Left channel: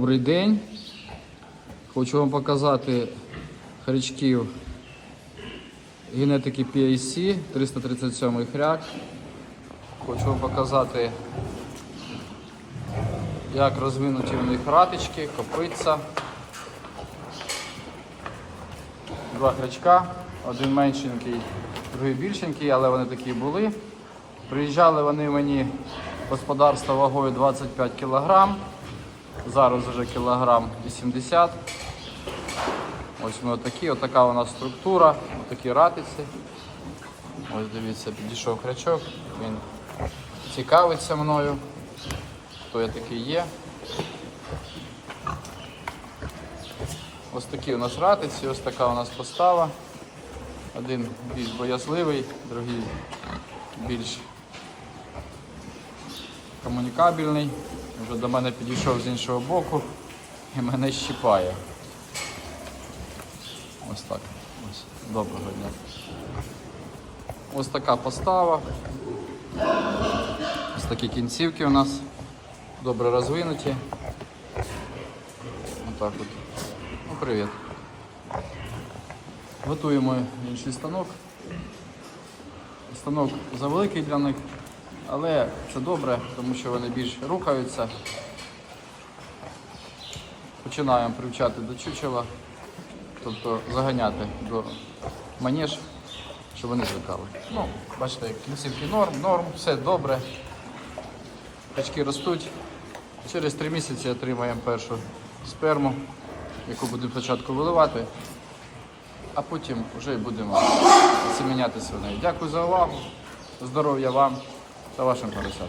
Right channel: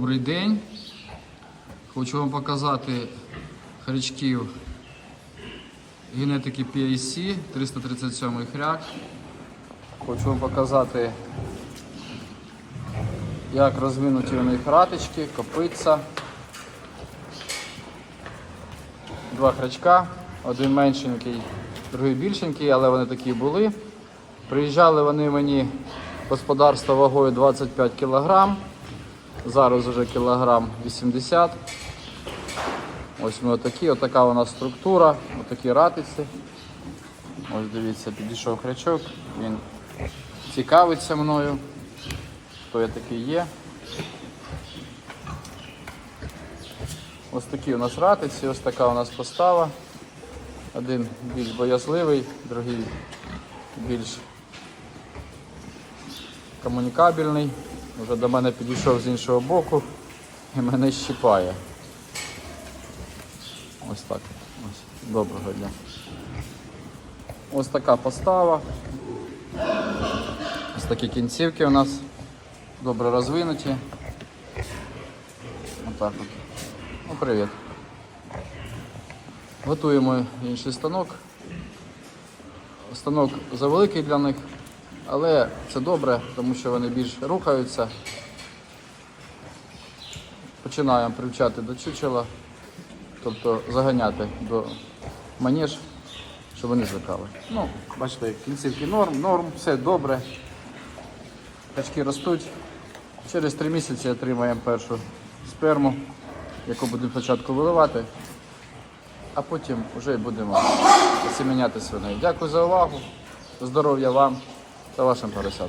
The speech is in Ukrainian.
Добрий день. Хочу вам показати хрячків генетики PAC 337 хряк. Хочу вам показати, як розвинуті в них ратички, копиця. Два хрячка, один меншенький, другий більшенький, але вони такі були. Приїжджали вони мені господарство вагою 25 кг. Зараз вже кілограм 80. Ось ми отакі, отака у нас структура, отакі ратиці. Ось дивіться, підійшов хрячок, він цікавиться мною. Хто я такий є. Ось такі у нас ратиці, ось така у нас постава. Один більш боязливий, другий більш комунікабельний. Вже до мене підійшов з іншого боку і мене щипає. Ось так. Ось. Добре. Ось така постава. Ось такі кінцівки у нас добре розвинуті. Отак от. Ну, привіт. Готуємо інший станок. Станок завеликий для них, але це добре, тому що вони більш рухаються. Починаємо привчати до чучела, тобто заганяти до маніж, щоб вони зникали. Ну, бачите, кінцівки норм, норм, все добре. Качки ростуть. Через три місяці отримаємо першу сперму, яку будемо спочатку виливати, а потім вже будемо семеняти свиней. Дякую за увагу. Здоров'я вам Até lá, Sr. Professor.